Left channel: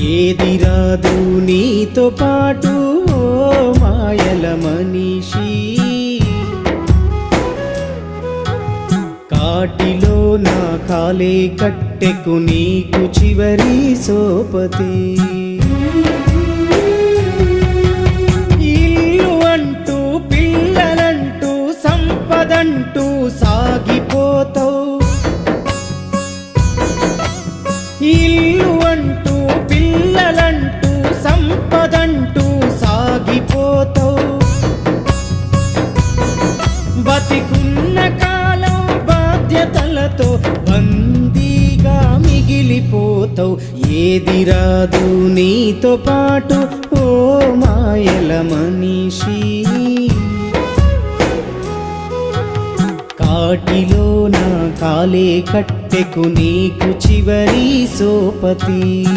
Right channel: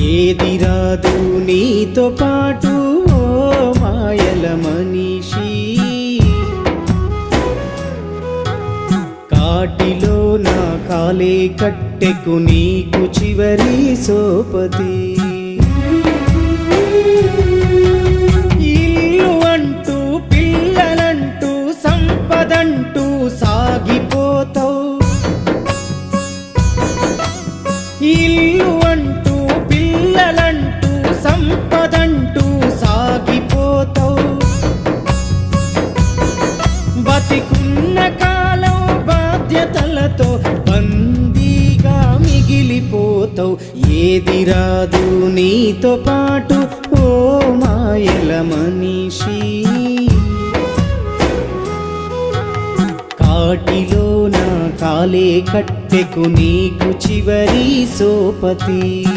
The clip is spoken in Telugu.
ఏది రాదు నీతో పాటు ఓ మాయల మనిషి. కాటిలో నా కాలే కట్టెకు నీకు చివరి సోపతి. ఇల్లు అంటూ పిల్లలంటూ సంపదంటూ సాగిపోతావు. ఇల్లు పదంటూ సాగిపోతావు. బతికున్న కాలం బాధ్యతలతో బందీగా మిగిలిపోతావు. ఏది రాదు నీతో పాటు ఓ మాయల మనిషి. కాటిలో నా కాలే కట్టెకు నీకు చివరి సోపతి.